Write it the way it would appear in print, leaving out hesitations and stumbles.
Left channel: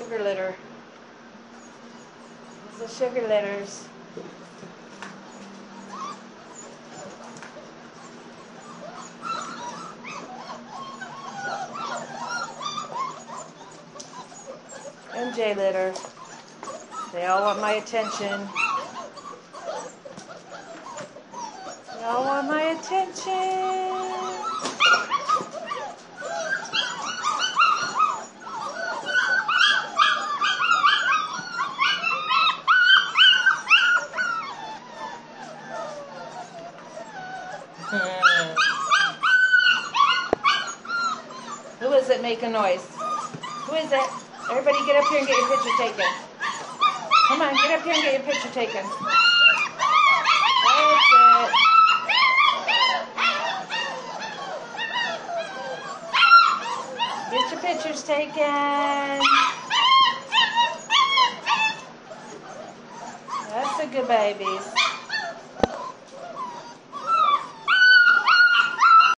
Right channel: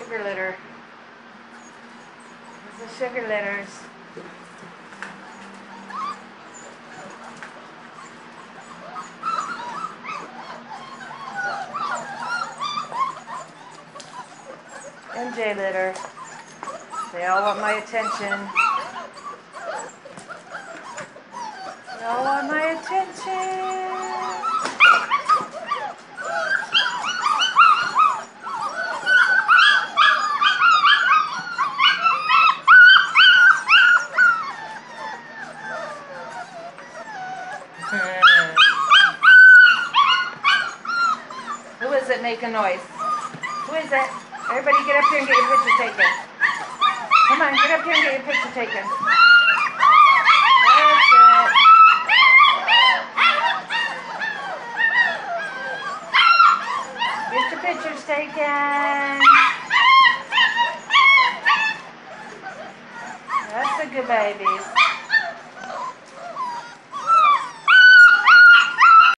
Sugar litter. There's the sugar litters. MJ litter. They all want my attention. They all want my attention. Who is it making noise? Who is it? Everybody get up here and get your picture taken. Come on, get up here and get your picture taken. That's it. Get your pictures taken. That's the good babies.